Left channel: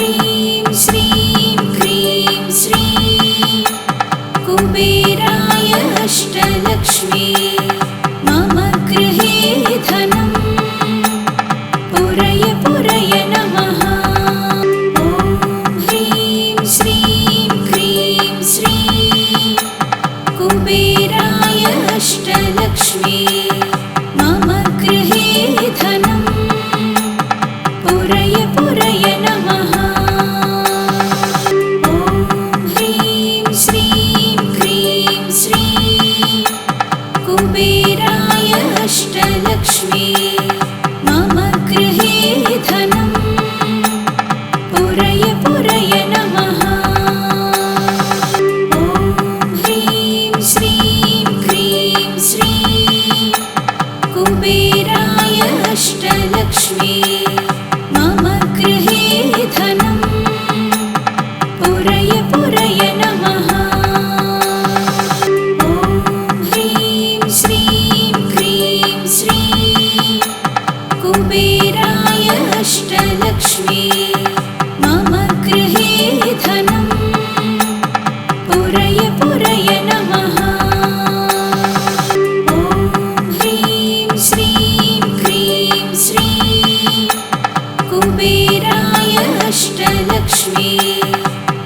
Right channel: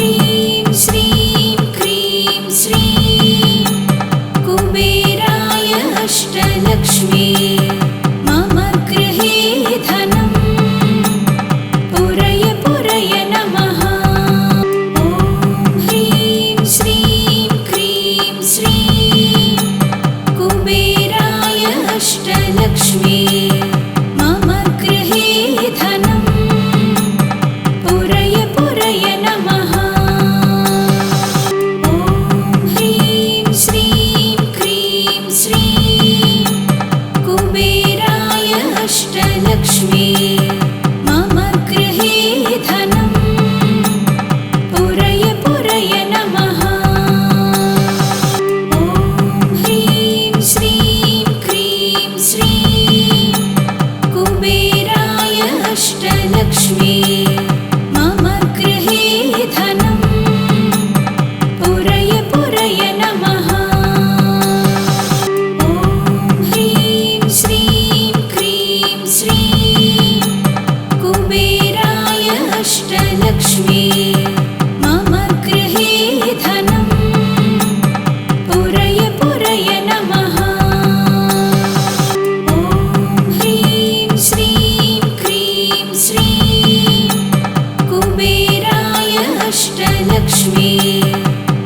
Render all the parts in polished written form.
ह्रीं श्रीं क्रीं श्रीं कुबेराय अष्टलक्ष्मी मम गृहे धनं पुरय पुरय नमः। ॐ ह्रीं श्रीं क्रीं श्रीं कुबेराय अष्टलक्ष्मी मम गृहे धनं पुरय पुरय नमः। ॐ ह्रीं श्रीं क्रीं श्रीं कुबेराय अष्टलक्ष्मी मम गृहे धनं पुरय पुरय नमः। ॐ ह्रीं श्रीं क्रीं श्रीं कुबेराय अष्टलक्ष्मी मम गृहे धनं पुरय पुरय नमः। ॐ ह्रीं श्रीं क्रीं श्रीं कुबेराय अष्टलक्ष्मी मम गृहे धनं पुरय पुरय नमः। ॐ ह्रीं श्रीं क्रीं श्रीं कुबेराय अष्टलक्ष्मी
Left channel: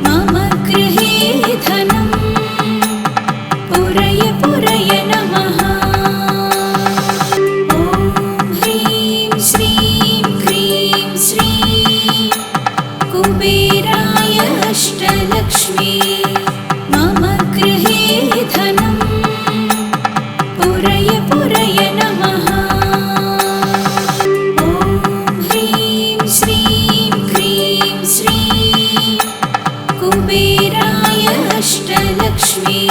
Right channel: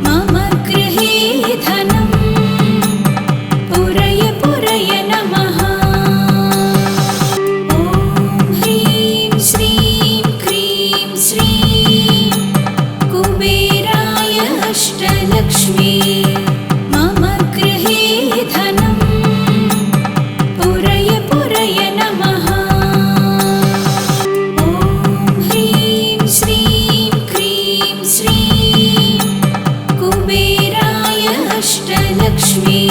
मम गृहे धनं पुरय पुरय नमः। ॐ ह्रीं श्रीं क्रीं श्रीं कुबेराय अष्टलक्ष्मी मम गृहे धनं पुरय पुरय नमः। ॐ ह्रीं श्रीं क्रीं श्रीं कुबेराय अष्टलक्ष्मी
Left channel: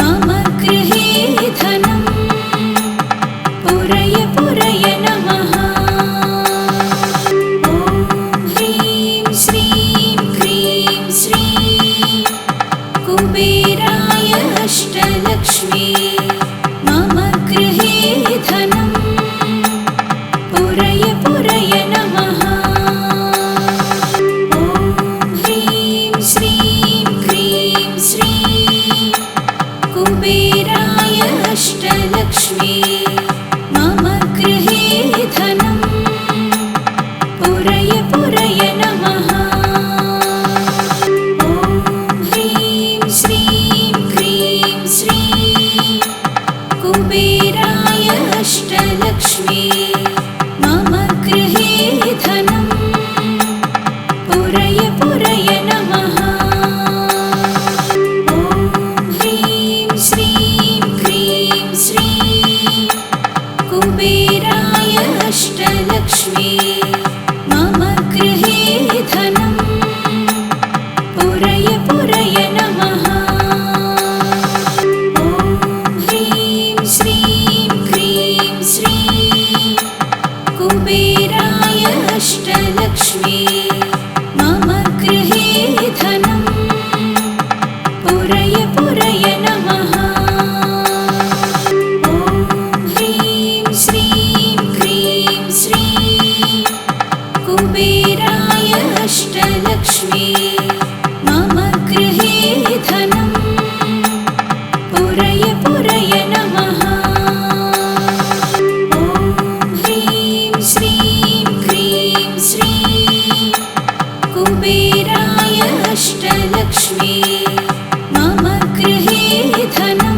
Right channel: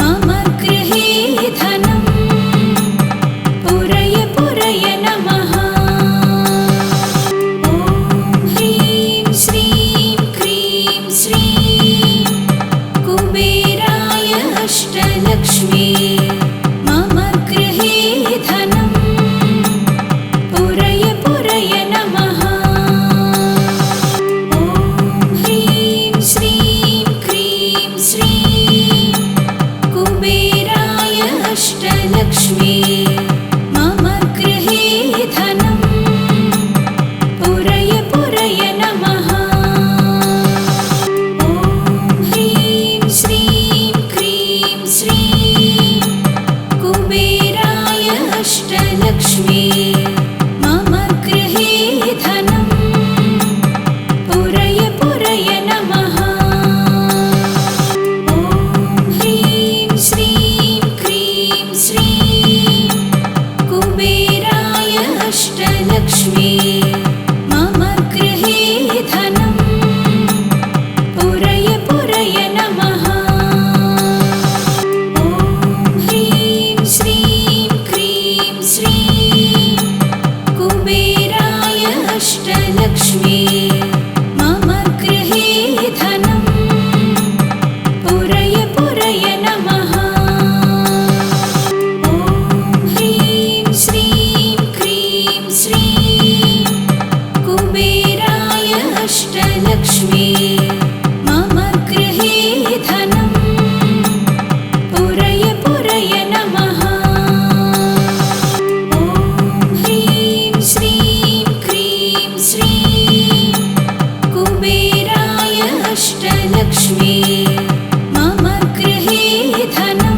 मम गृहे धनं पुरय पुरय नमः। ॐ ह्रीं श्रीं क्रीं श्रीं कुबेराय अष्टलक्ष्मी मम गृहे धनं पुरय पुरय नमः। ॐ ह्रीं श्रीं क्रीं श्रीं कुबेराय अष्टलक्ष्मी मम गृहे धनं पुरय पुरय नमः। ॐ ह्रीं श्रीं क्रीं श्रीं कुबेराय अष्टलक्ष्मी मम गृहे धनं पुरय पुरय नमः। ॐ ह्रीं श्रीं क्रीं श्रीं कुबेराय अष्टलक्ष्मी मम गृहे धनं पुरय पुरय नमः। ॐ ह्रीं श्रीं क्रीं श्रीं कुबेराय अष्टलक्ष्मी मम गृहे धनं पुरय पुरय नमः। ॐ ह्रीं श्रीं क्रीं श्रीं कुबेराय अष्टलक्ष्मी मम गृहे धनं पुरय पुरय नमः। ॐ ह्रीं श्रीं क्रीं श्रीं कुबेराय अष्टलक्ष्मी मम गृहे धनं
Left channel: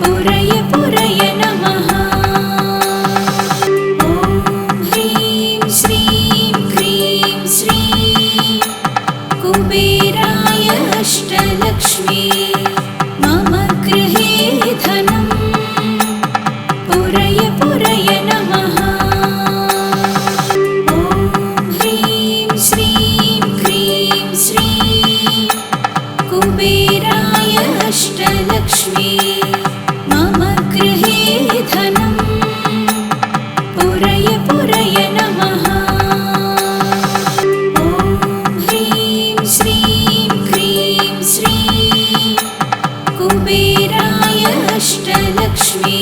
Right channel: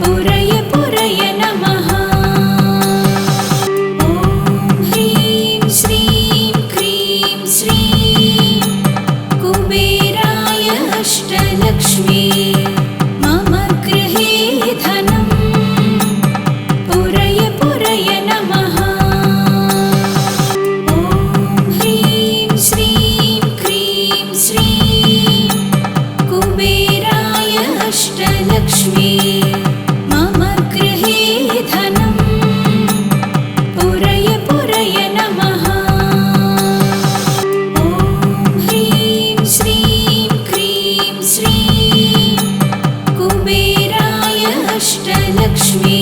पुरय पुरय नमः। ॐ ह्रीं श्रीं क्रीं श्रीं कुबेराय अष्टलक्ष्मी मम गृहे धनं पुरय पुरय नमः। ॐ ह्रीं श्रीं क्रीं श्रीं कुबेराय अष्टलक्ष्मी मम गृहे धनं पुरय पुरय नमः। ॐ ह्रीं श्रीं क्रीं श्रीं कुबेराय अष्टलक्ष्मी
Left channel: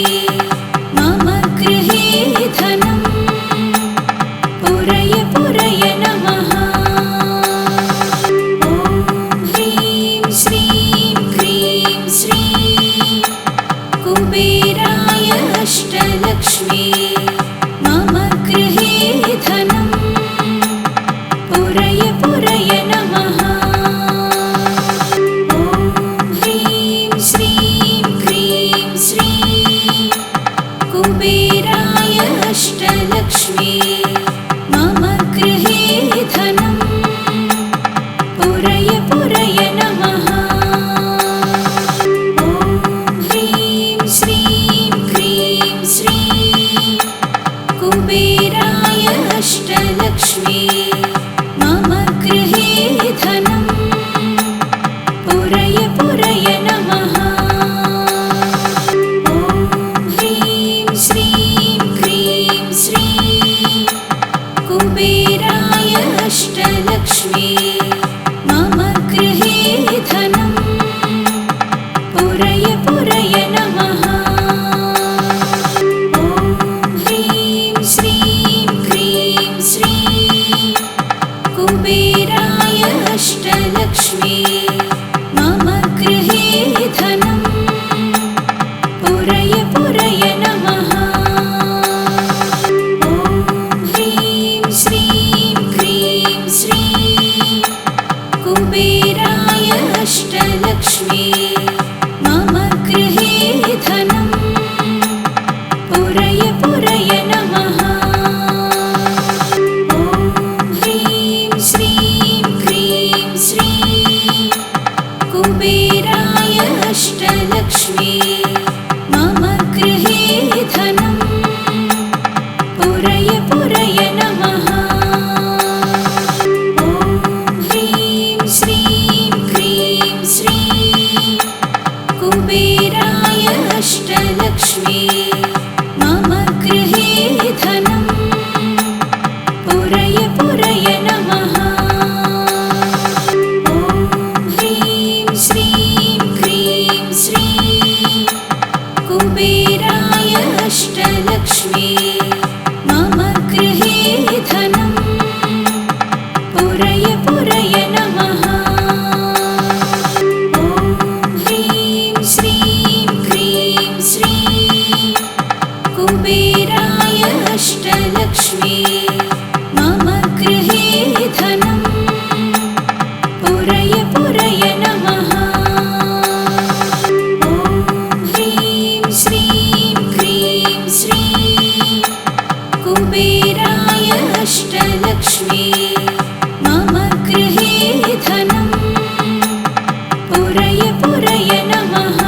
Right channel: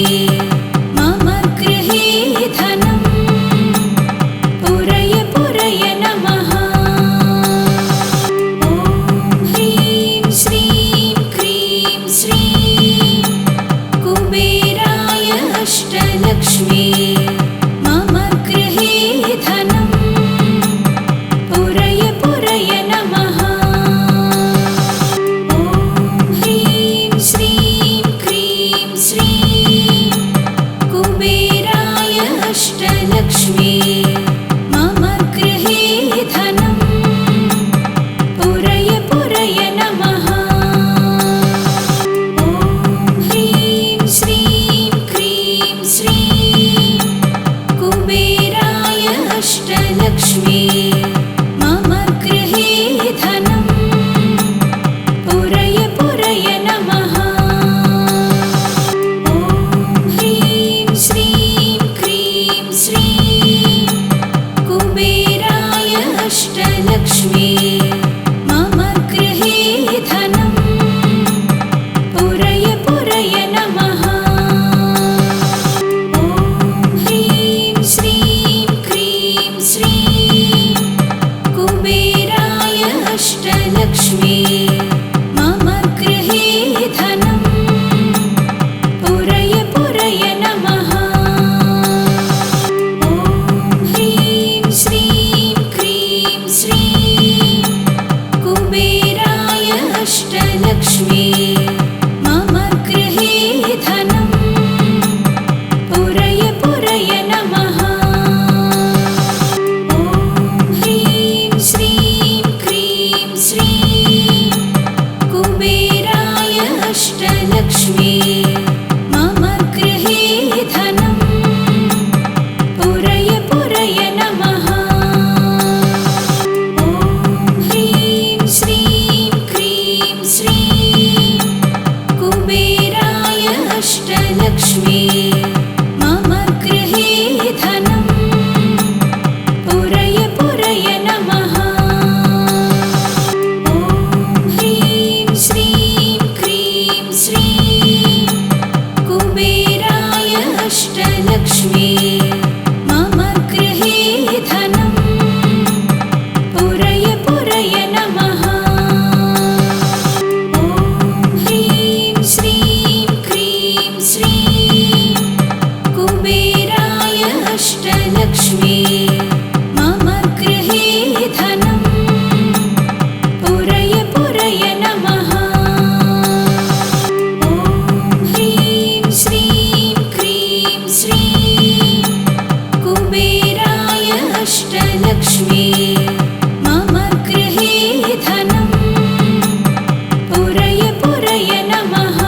मम गृहे धनं पुरय पुरय नमः। ॐ ह्रीं श्रीं क्रीं श्रीं कुबेराय अष्टलक्ष्मी मम गृहे धनम् पुरय पुरय नमः। ॐ ह्रीं श्रीं क्रीं श्रीं कुबेराय अष्टलक्ष्मी मम गृहे धनम् पुरय पुरय नमः। ॐ ह्रीं श्रीं क्रीं श्रीं कुबेराय अष्टलक्ष्मी मम गृहे धनम् पुरय पुरय नमः। ॐ ह्रीं श्रीं क्रीं श्रीं कुबेराय अष्टलक्ष्मी मम गृहे धनम् पुरय पुरय नमः। ॐ ह्रीं श्रीं क्रीं श्रीं कुबेराय अष्टलक्ष्मी मम गृहे धनम् पुरय पुरय नमः। ॐ ह्रीं श्रीं क्रीं श्रीं कुबेराय अष्टलक्ष्मी मम गृहे धनम् पुरय पुरय नमः। ॐ ह्रीं श्रीं क्रीं श्रीं कुबेराय अष्टलक्ष्मी मम गृहे धनम् पुरय पुरय नमः। ॐ ह्रीं श्रीं क्रीं श्रीं कुबेराय अष्टलक्ष्मी मम गृहे धनम् पुरय पुरय नमः। ॐ ह्रीं श्रीं क्रीं श्रीं कुबेराय अष्टलक्ष्मी मम गृहे धनम् पुरय पुरय नमः। ॐ ह्रीं श्रीं क्रीं श्रीं कुबेराय अष्टलक्ष्मी मम गृहे धनम् पुरय पुरय नमः। ॐ ह्रीं श्रीं क्रीं श्रीं कुबेराय अष्टलक्ष्मी मम गृहे धनम् पुरय पुरय नमः।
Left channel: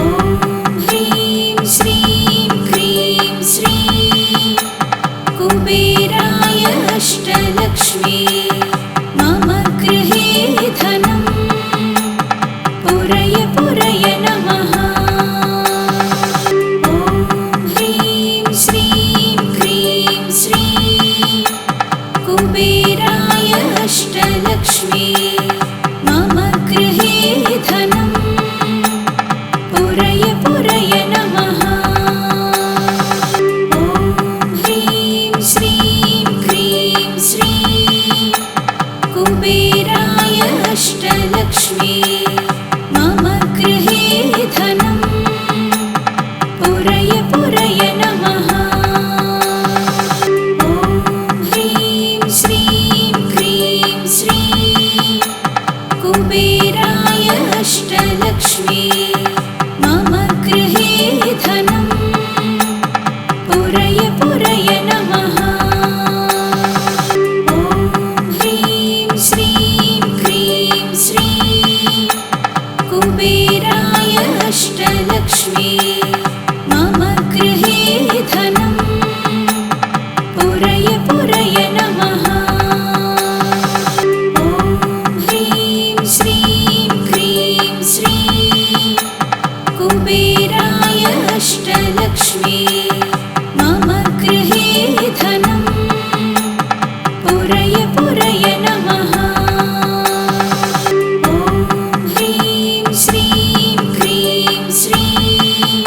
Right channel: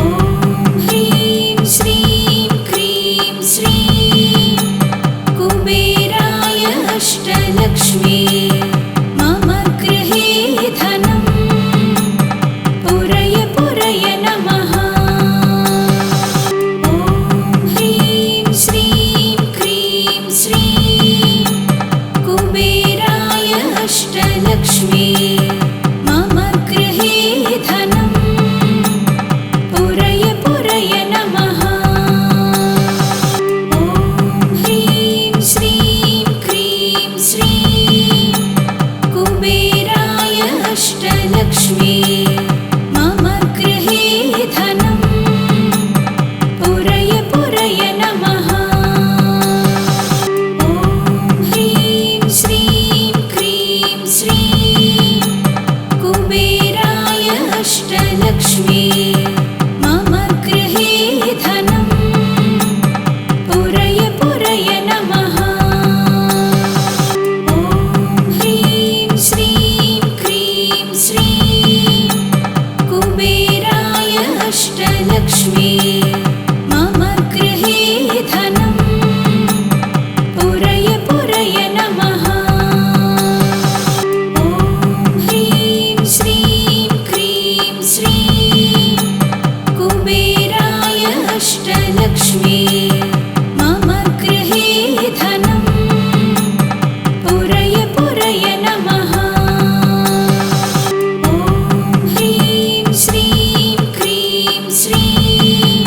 ॐ ह्रीं श्रीं क्रीं श्रीं कुबेराय अष्टलक्ष्मी मम गृहे धनम् पुरय पुरय नमः। ॐ ह्रीं श्रीं क्रीं श्रीं कुबेराय अष्टलक्ष्मी मम गृहे धनम् पुरय पुरय नमः। ॐ ह्रीं श्रीं क्रीं श्रीं कुबेराय अष्टलक्ष्मी मम गृहे धनम् पुरय पुरय नमः। ॐ ह्रीं श्रीं क्रीं श्रीं कुबेराय अष्टलक्ष्मी मम गृहे धनम् पुरय पुरय नमः। ॐ ह्रीं श्रीं क्रीं श्रीं कुबेराय अष्टलक्ष्मी मम गृहे धनम् पुरय पुरय नमः। ॐ ह्रीं श्रीं क्रीं श्रीं कुबेराय अष्टलक्ष्मी मम गृहे धनम् पुरय पुरय नमः। ॐ ह्रीं श्रीं क्रीं श्रीं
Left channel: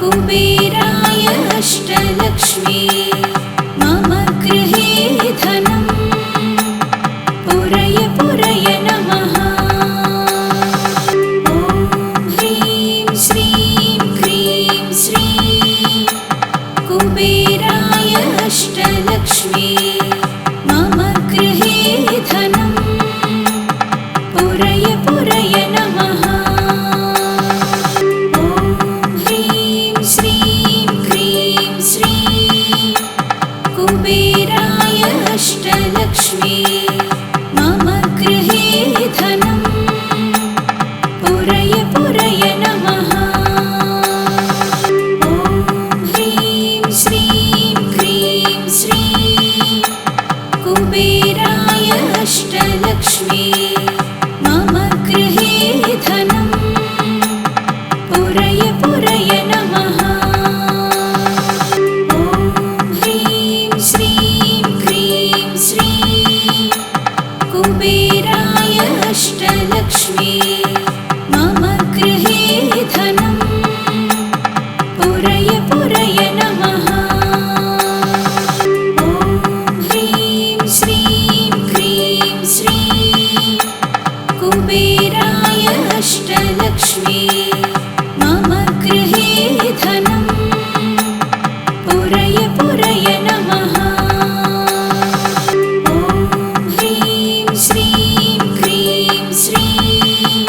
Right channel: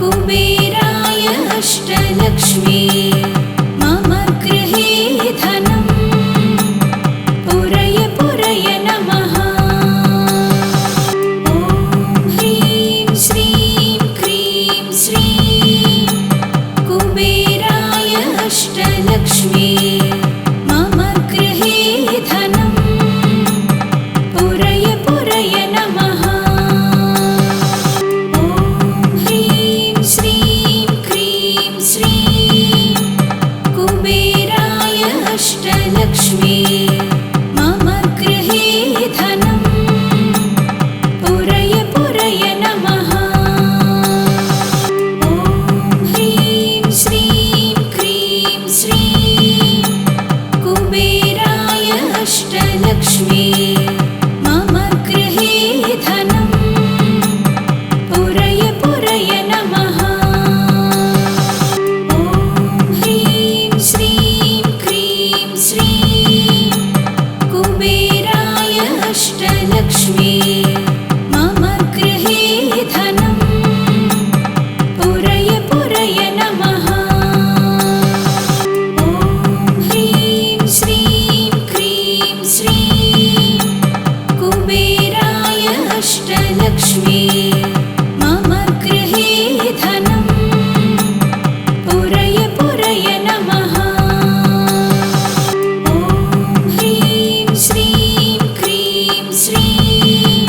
कुबेराय अष्टलक्ष्मी मम गृहे धनं पुरय पुरय नमः। ॐ ह्रीं श्रीं क्रीं श्रीं कुबेराय अष्टलक्ष्मी मम गृहे धनं पुरय पुरय नमः। ॐ ह्रीं श्रीं क्रीं श्रीं कुबेराय अष्टलक्ष्मी मम गृहे धनं पुरय पुरय नमः। ॐ ह्रीं श्रीं क्रीं श्रीं कुबेराय अष्टलक्ष्मी मम गृहे धनं पुरय पुरय नमः। ॐ ह्रीं श्रीं क्रीं श्रीं कुबेराय अष्टलक्ष्मी मम गृहे धनं पुरय पुरय नमः। ॐ ह्रीं श्रीं क्रीं श्रीं कुबेराय अष्टलक्ष्मी मम गृहे धनं पुरय पुरय नमः। ॐ ह्रीं श्रीं क्रीं श्रीं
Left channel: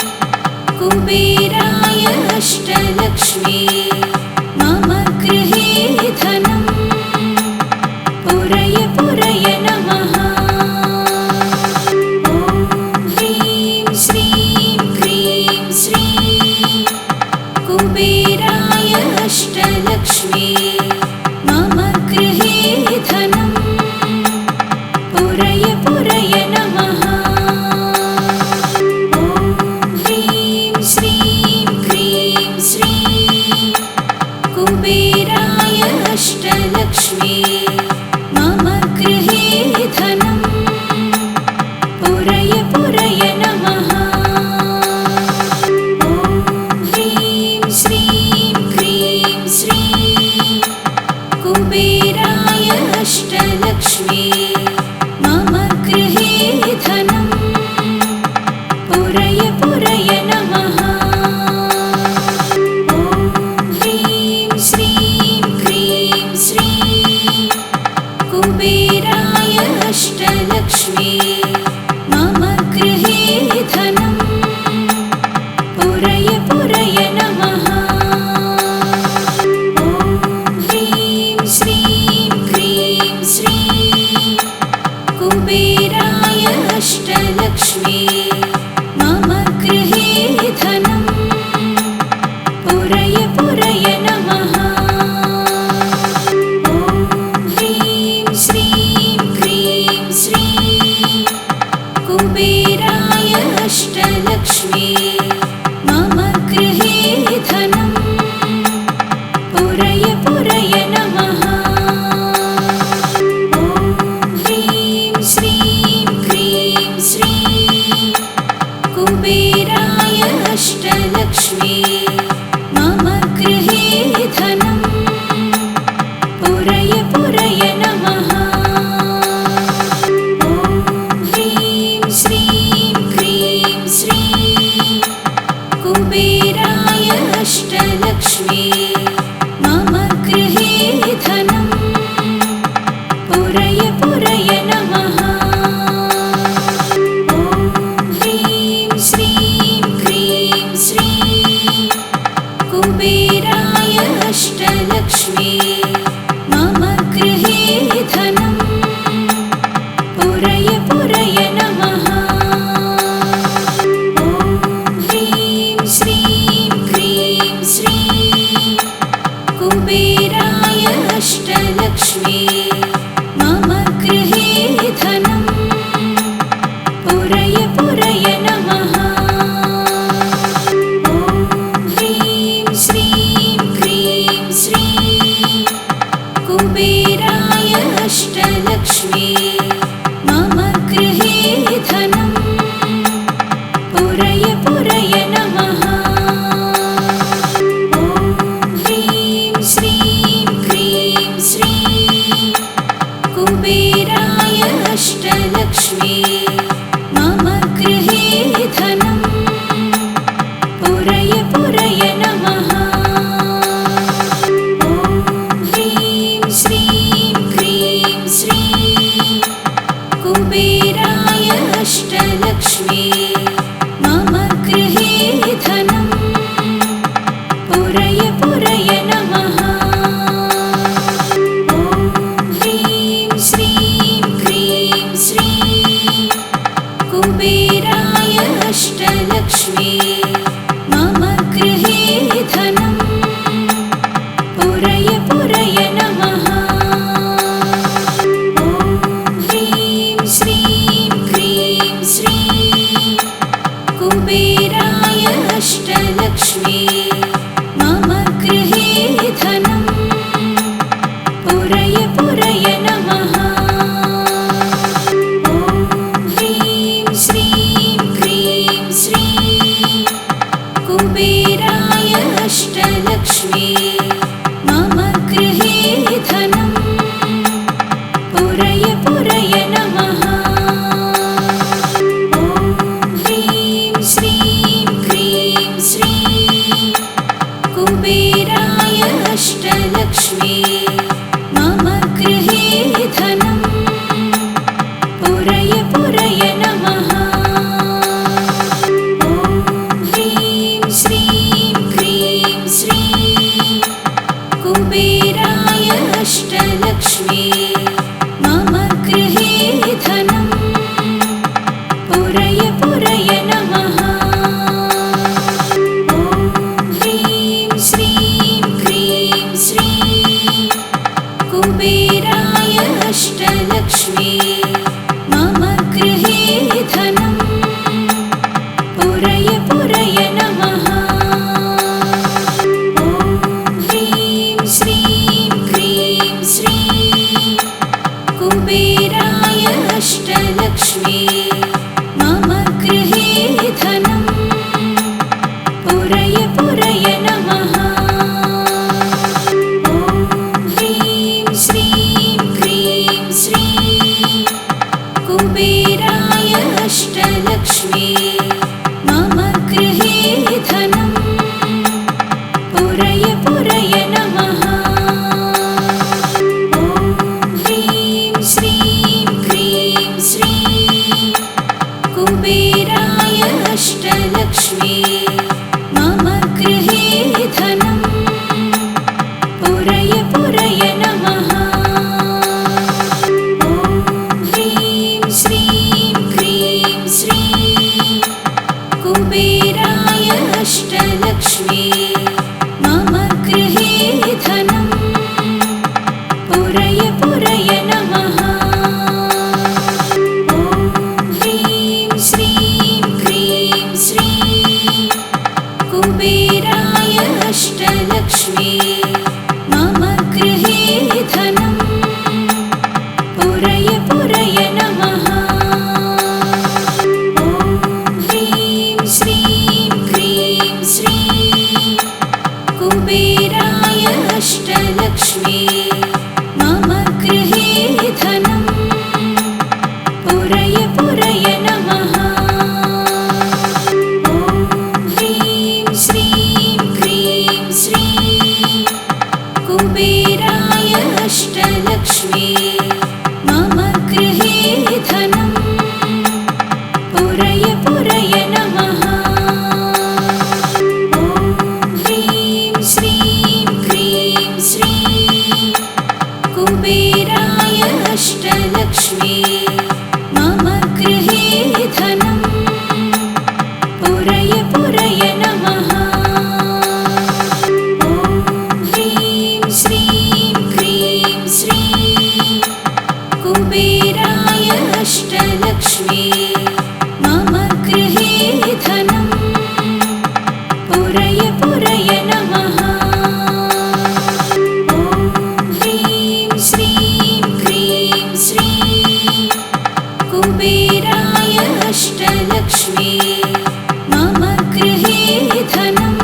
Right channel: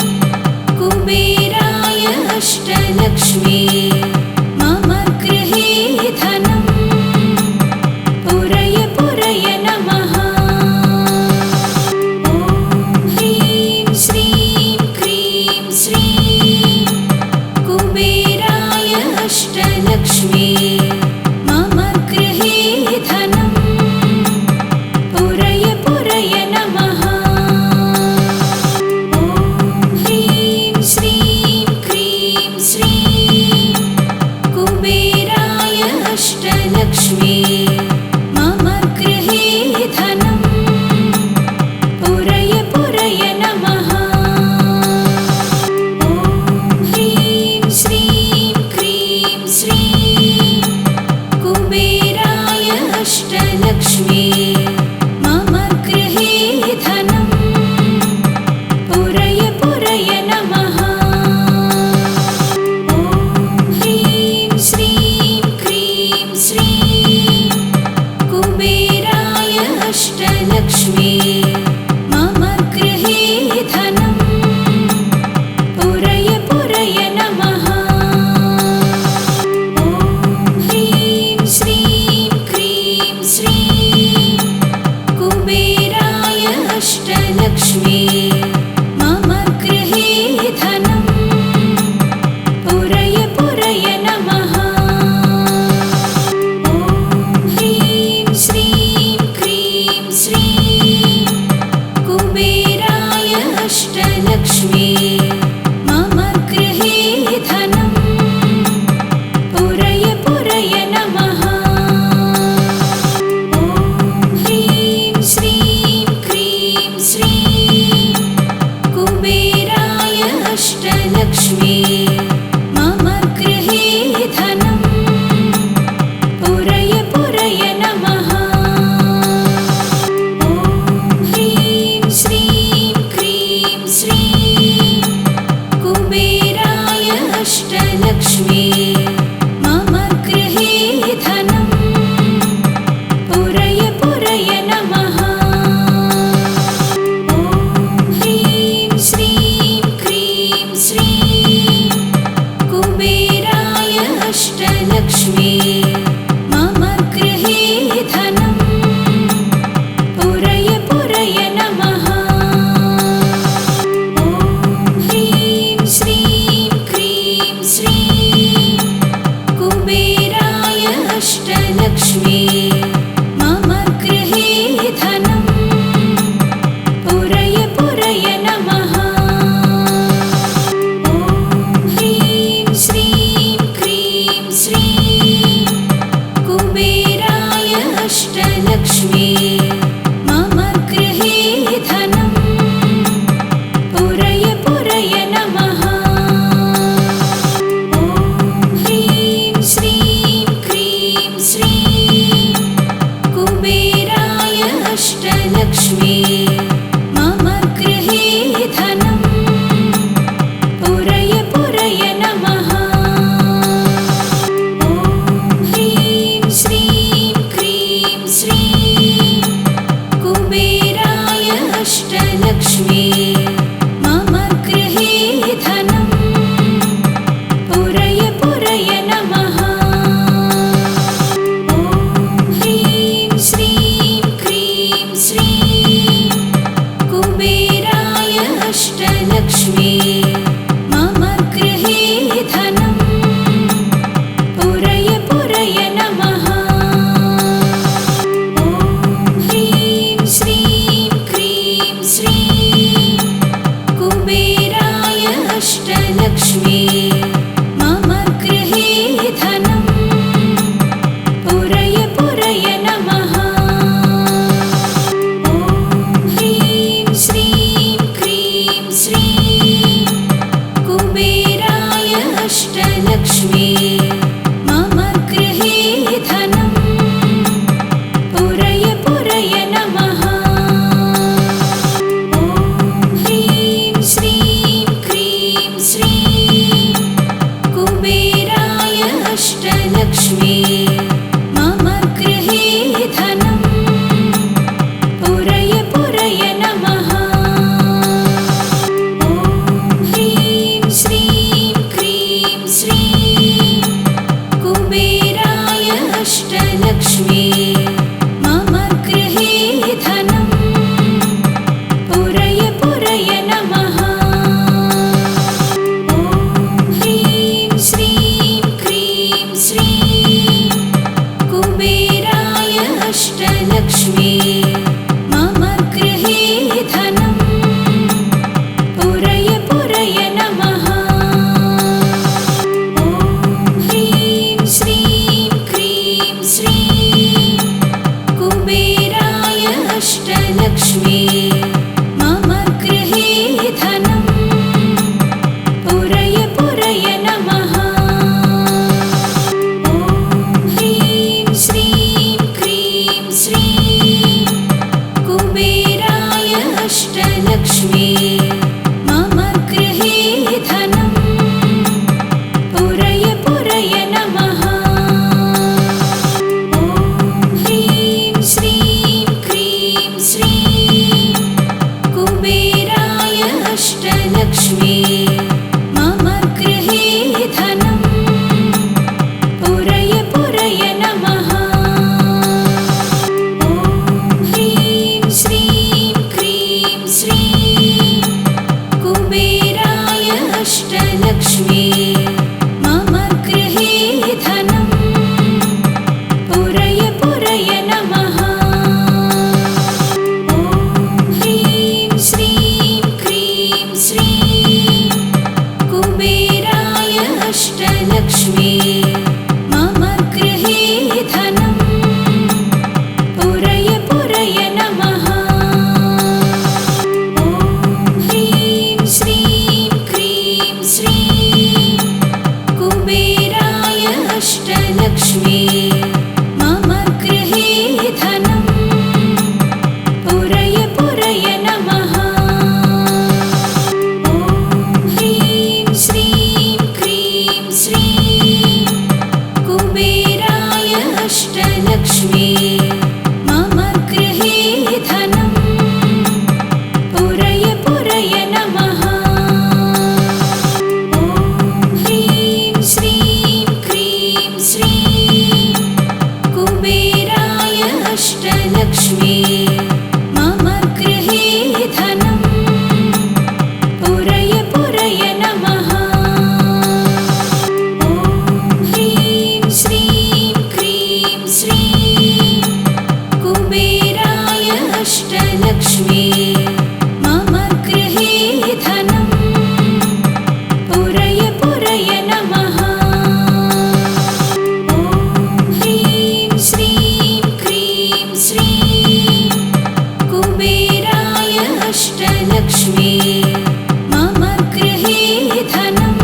कुबेराय अष्टलक्ष्मी मम गृहे धनं पुरय पुरय नमः। ॐ ह्रीं श्रीं क्रीं श्रीं कुबेराय अष्टलक्ष्मी मम गृहे धनं पुरय पुरय नमः। ॐ ह्रीं श्रीं क्रीं श्रीं कुबेराय अष्टलक्ष्मी मम गृहे धनं पुरय पुरय नमः। ॐ ह्रीं श्रीं क्रीं श्रीं कुबेराय अष्टलक्ष्मी मम गृहे धनं पुरय पुरय नमः। ॐ ह्रीं श्रीं क्रीं श्रीं कुबेराय अष्टलक्ष्मी मम गृहे धनं पुरय पुरय नमः। ॐ ह्रीं श्रीं क्रीं श्रीं कुबेराय अष्टलक्ष्मी मम गृहे धनं पुरय पुरय नमः। ॐ ह्रीं श्रीं क्रीं श्रीं कुबेराय अष्टलक्ष्मी मम गृहे धनं पुरय पुरय नमः। ॐ ह्रीं श्रीं क्रीं श्रीं कुबेराय अष्टलक्ष्मी मम गृहे धनं पुरय पुरय नमः। ॐ ह्रीं श्रीं क्रीं श्रीं कुबेराय अष्टलक्ष्मी मम गृहे धनं पुरय पुरय नमः। ॐ ह्रीं श्रीं क्रीं श्रीं कुबेराय अष्टलक्ष्मी मम गृहे धनं पुरय पुरय नमः। ॐ ह्रीं श्रीं क्रीं श्रीं कुबेराय अष्टलक्ष्मी मम गृहे धनं पुरय पुरय नमः। ॐ ह्रीं श्रीं क्रीं श्रीं कुबेराय अष्टलक्ष्मी मम गृहे धनं पुरय पुरय नमः। ॐ ह्रीं श्रीं क्रीं श्रीं कुबेराय अष्टलक्ष्मी मम गृहे धनम् पुरय पुरय नमः। ॐ ह्रीं श्रीं क्रीं श्रीं कुबेराय अष्टलक्ष्मी मम गृहे धनम् पुरय पुरय नमः। ॐ ह्रीं श्रीं क्रीं श्रीं कुबेराय अष्टलक्ष्मी मम गृहे धनम् पुरय पुरय नमः। ॐ ह्रीं श्रीं क्रीं श्रीं कुबेराय अष्टलक्ष्मी मम गृहे धनम् पुरय पुरय नमः। ॐ ह्रीं श्रीं क्रीं श्रीं कुबेराय अष्टलक्ष्मी मम गृहे धनम् पुरय पुरय नमः। ॐ ह्रीं श्रीं क्रीं श्रीं कुबेराय अष्टलक्ष्मी मम गृहे धनम् पुरय पुरय नमः। ॐ ह्रीं श्रीं क्रीं श्रीं कुबेराय अष्टलक्ष्मी मम गृहे धनम् पुरय पुरय नमः। ॐ ह्रीं श्रीं क्रीं श्रीं कुबेराय अष्टलक्ष्मी मम गृहे धनम् पुरय पुरय नमः। ॐ ह्रीं श्रीं क्रीं श्रीं कुबेराय अष्टलक्ष्मी मम गृहे धनम् पुरय पुरय नमः। ॐ ह्रीं श्रीं क्रीं श्रीं कुबेराय अष्टलक्ष्मी मम गृहे धनम् पुरय पुरय नमः। ॐ ह्रीं श्रीं क्रीं श्रीं कुबेराय अष्टलक्ष्मी मम गृहे धनम् पुरय पुरय नमः। ॐ ह्रीं श्रीं क्रीं श्रीं कुबेराय अष्टलक्ष्मी मम गृहे धनम् पुरय पुरय नमः। ॐ ह्रीं श्रीं क्रीं श्रीं कुबेराय अष्टलक्ष्मी मम गृहे धनम् पुरय पुरय नमः। ॐ ह्रीं श्रीं क्रीं श्रीं कुबेराय अष्टलक्ष्मी मम गृहे धनम् पुरय पुरय नमः। ॐ ह्रीं श्रीं क्रीं श्रीं कुबेराय अष्टलक्ष्मी मम गृहे धनम् पुरय पुरय नमः। ॐ ह्रीं श्रीं क्रीं श्रीं कुबेराय अष्टलक्ष्मी मम गृहे धनम् पुरय पुरय नमः। ॐ ह्रीं श्रीं क्रीं श्रीं कुबेराय अष्टलक्ष्मी मम गृहे धनम् पुरय पुरय नमः। ॐ ह्रीं श्रीं क्रीं श्रीं कुबेराय अष्टलक्ष्मी मम गृहे धनम्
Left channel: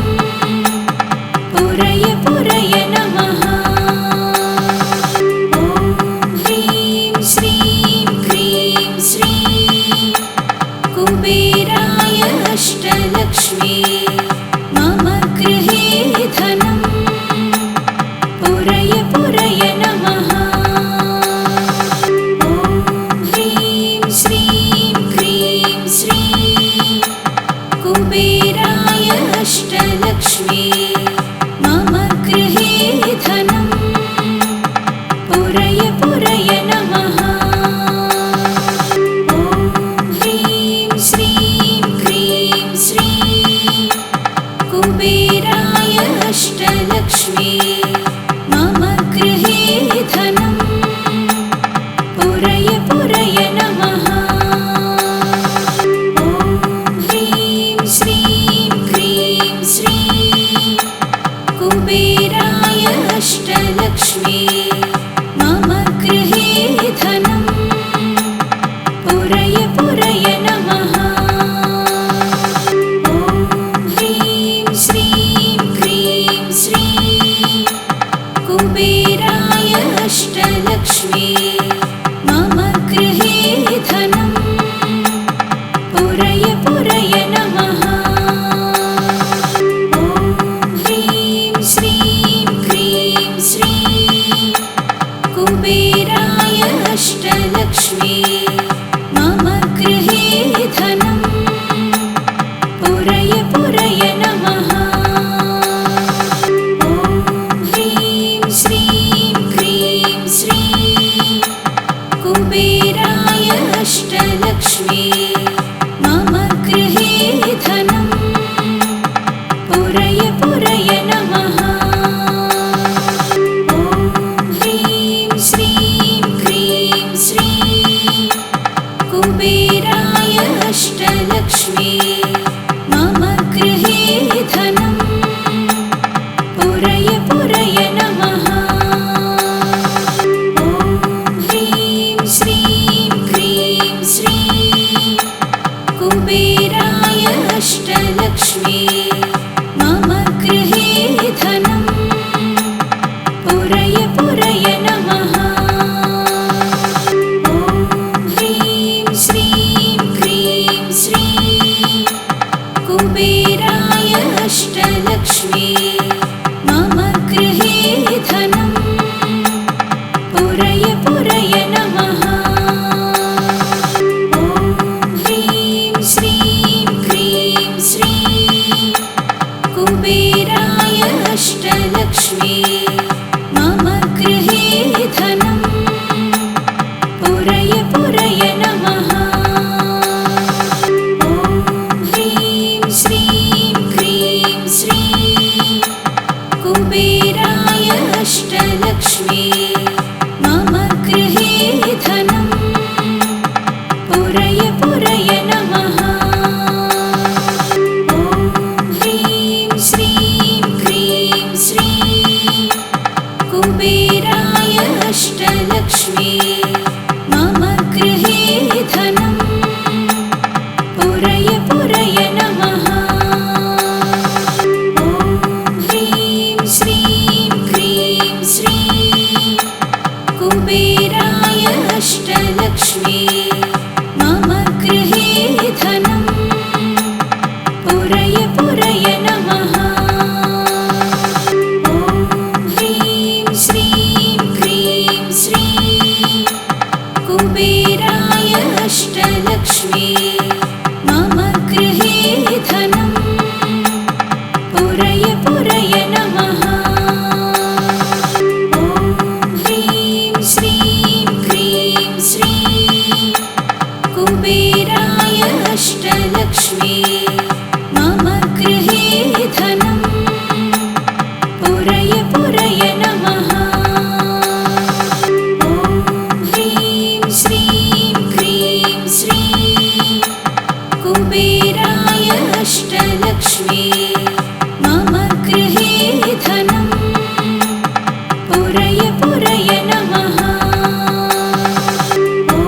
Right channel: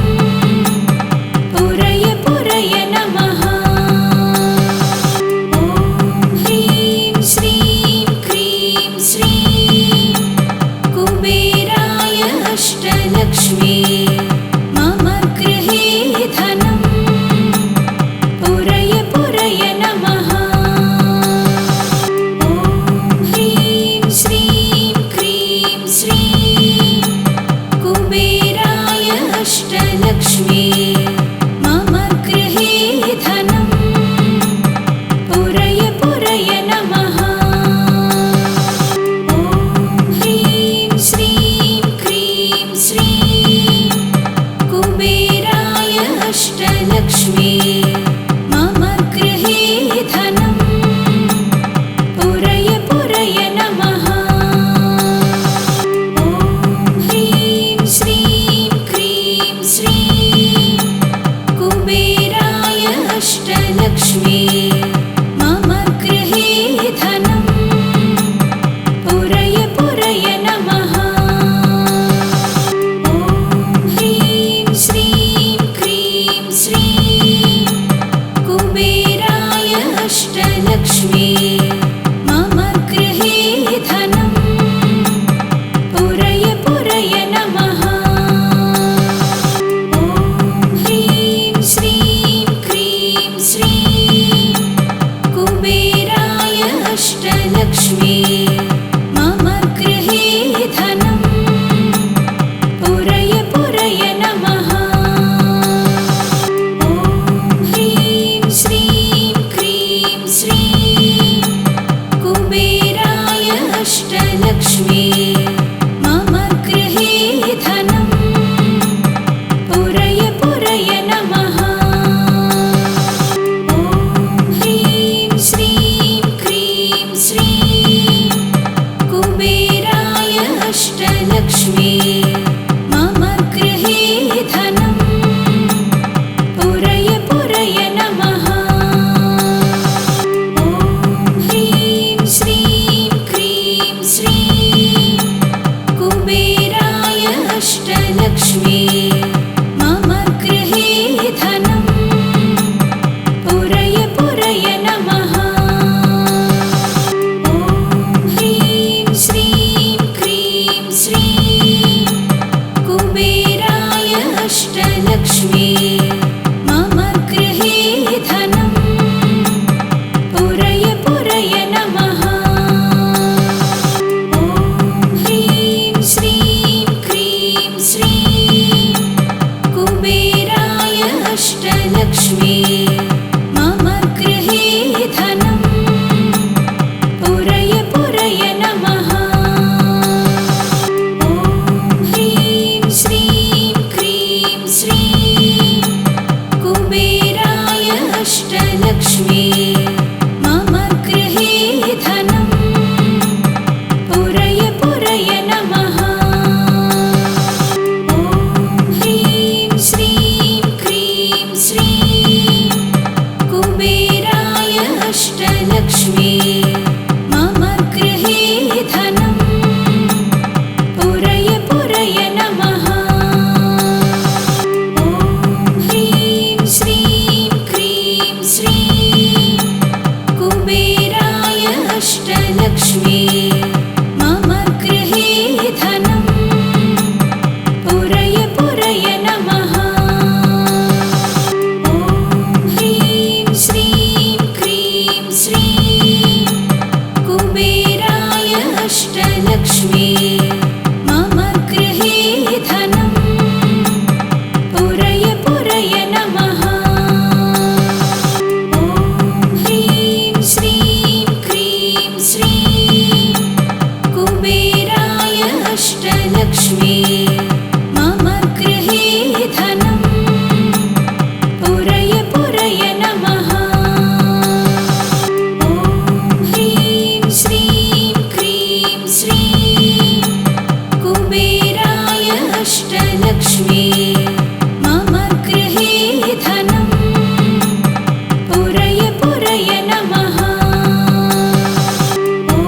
पुरय पुरय नमः। ॐ ह्रीं श्रीं क्रीं श्रीं कुबेराय अष्टलक्ष्मी मम गृहे धनं पुरय पुरय नमः। ॐ ह्रीं श्रीं क्रीं श्रीं कुबेराय अष्टलक्ष्मी मम गृहे धनं पुरय पुरय नमः। ॐ ह्रीं श्रीं क्रीं श्रीं कुबेराय अष्टलक्ष्मी मम गृहे धनं पुरय पुरय नमः। ॐ ह्रीं श्रीं क्रीं श्रीं कुबेराय अष्टलक्ष्मी मम गृहे धनं पुरय पुरय नमः। ॐ ह्रीं श्रीं क्रीं श्रीं कुबेराय अष्टलक्ष्मी मम गृहे धनं पुरय पुरय नमः। ॐ ह्रीं श्रीं क्रीं श्रीं कुबेराय अष्टलक्ष्मी मम गृहे धनं पुरय पुरय नमः। ॐ ह्रीं श्रीं क्रीं श्रीं कुबेराय अष्टलक्ष्मी मम गृहे धनं पुरय पुरय नमः। ॐ ह्रीं श्रीं क्रीं श्रीं कुबेराय अष्टलक्ष्मी मम गृहे धनं पुरय पुरय नमः। ॐ ह्रीं श्रीं क्रीं श्रीं कुबेराय अष्टलक्ष्मी मम गृहे धनं पुरय पुरय नमः। ॐ ह्रीं श्रीं क्रीं श्रीं कुबेराय अष्टलक्ष्मी मम गृहे धनं पुरय पुरय नमः। ॐ ह्रीं श्रीं क्रीं श्रीं कुबेराय अष्टलक्ष्मी मम गृहे धनं पुरय पुरय नमः। ॐ ह्रीं श्रीं क्रीं श्रीं कुबेराय अष्टलक्ष्मी मम गृहे धनं पुरय पुरय नमः। ॐ ह्रीं श्रीं क्रीं श्रीं कुबेराय अष्टलक्ष्मी मम गृहे धनं पुरय पुरय नमः। ॐ ह्रीं श्रीं क्रीं श्रीं कुबेराय अष्टलक्ष्मी मम गृहे धनं पुरय पुरय नमः। ॐ ह्रीं श्रीं क्रीं श्रीं कुबेराय अष्टलक्ष्मी मम गृहे धनं पुरय पुरय नमः। ॐ ह्रीं श्रीं क्रीं श्रीं कुबेराय अष्टलक्ष्मी मम गृहे धनं पुरय पुरय नमः। ॐ ह्रीं श्रीं क्रीं श्रीं कुबेराय अष्टलक्ष्मी मम गृहे धनं पुरय पुरय नमः। ॐ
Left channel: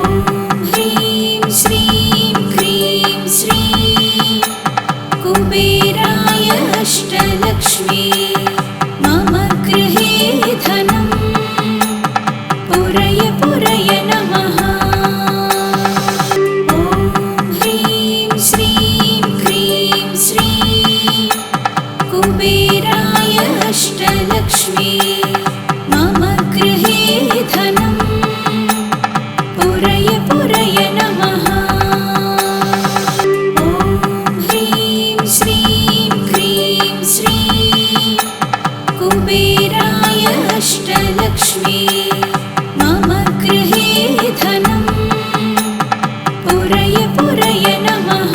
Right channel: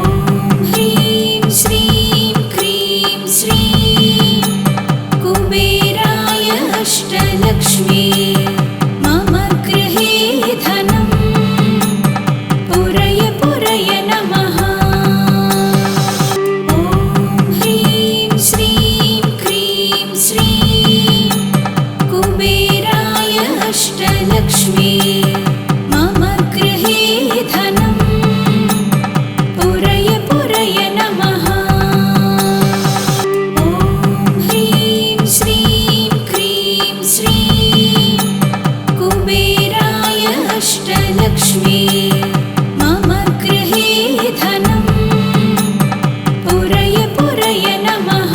ह्रीं श्रीं क्रीं श्रीं कुबेराय अष्टलक्ष्मी मम गृहे धनं पुरय पुरय नमः। अष्टलक्ष्मी मम गृहे धनं पुरय पुरय नमः। ॐ ह्रीं श्रीं क्रीं श्रीं कुबेराय अष्टलक्ष्मी मम गृहे धनं पुरय पुरय नमः।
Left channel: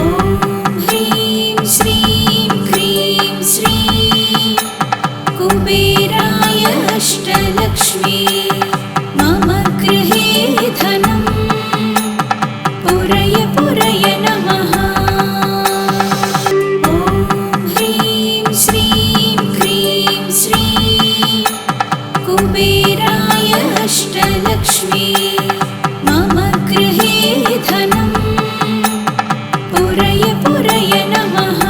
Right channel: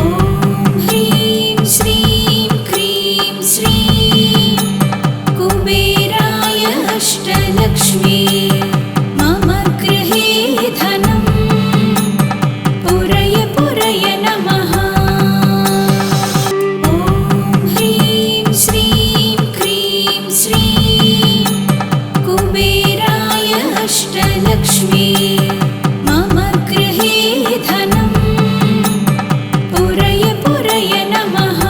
ॐ ह्रीं श्रीं क्रीं श्रीं कुबेराय अष्टलक्ष्मी मम गृहे धनं पुरय पुरय नमः। ॐ ह्रीं श्रीं क्रीं श्रीं कुबेराय अष्टलक्ष्मी मम गृहे धनं पुरय पुरय नमः।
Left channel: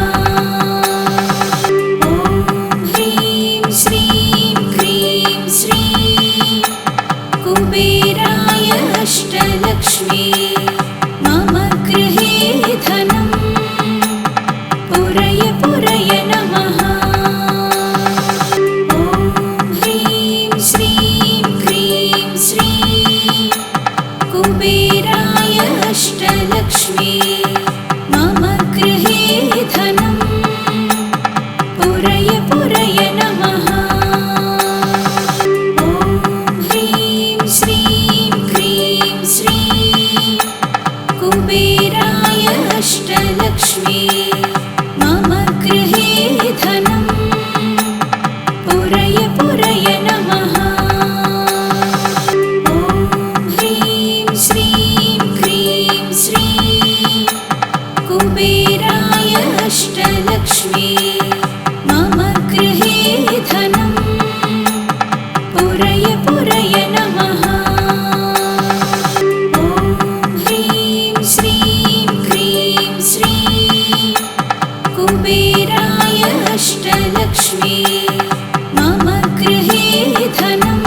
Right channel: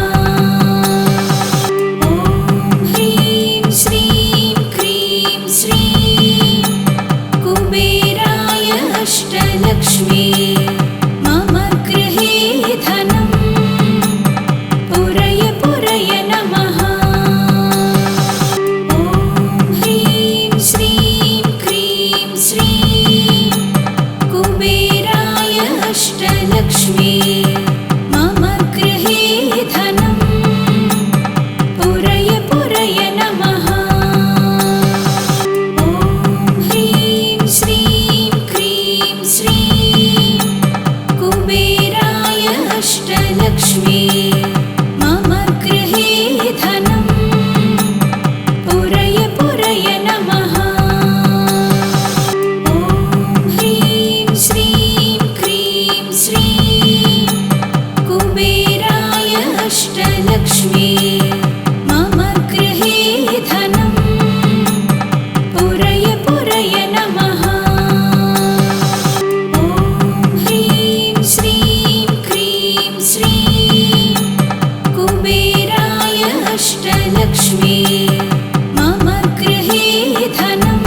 ॐ ह्रीं श्रीं क्रीं श्रीं कुबेराय अष्टलक्ष्मी मम गृहे धनं पुरय पुरय नमः। ॐ ह्रीं श्रीं क्रीं श्रीं कुबेराय अष्टलक्ष्मी मम गृहे धनं पुरय पुरय नमः। ॐ ह्रीं श्रीं क्रीं श्रीं कुबेराय अष्टलक्ष्मी मम गृहे धनं पुरय पुरय नमः। ॐ ह्रीं श्रीं क्रीं श्रीं कुबेराय अष्टलक्ष्मी मम गृहे धनं पुरय पुरय नमः। ॐ ह्रीं श्रीं क्रीं श्रीं कुबेराय अष्टलक्ष्मी मम गृहे धनं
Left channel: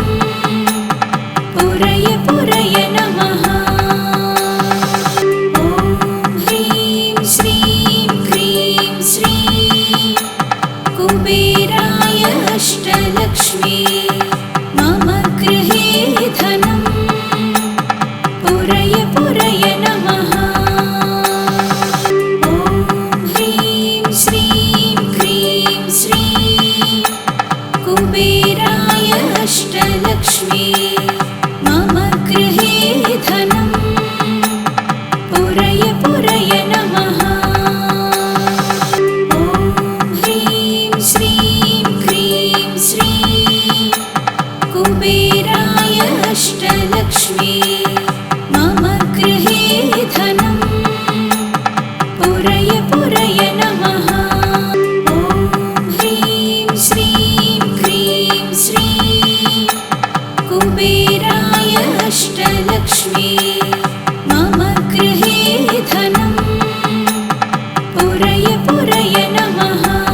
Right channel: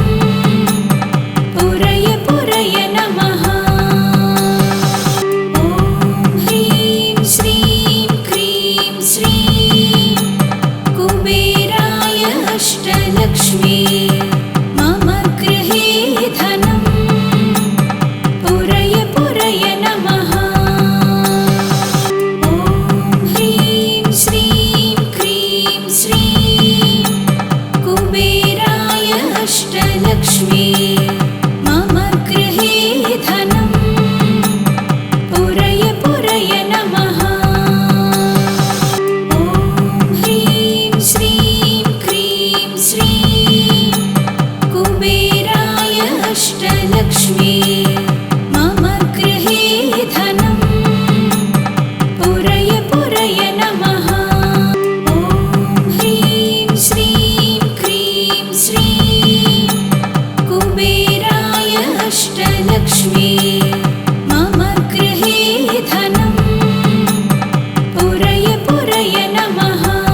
पुरय पुरय नमः। ॐ ह्रीं श्रीं क्रीं श्रीं कुबेराय अष्टलक्ष्मी मम गृहे धनं पुरय पुरय नमः। ॐ ह्रीं श्रीं क्रीं श्रीं कुबेराय अष्टलक्ष्मी मम गृहे धनं पुरय पुरय नमः। ॐ ह्रीं श्रीं क्रीं श्रीं कुबेराय अष्टलक्ष्मी मम गृहे धनं पुरय पुरय नमः। ॐ ह्रीं श्रीं क्रीं श्रीं कुबेराय अष्टलक्ष्मी मम गृहे धनं पुरय पुरय नमः।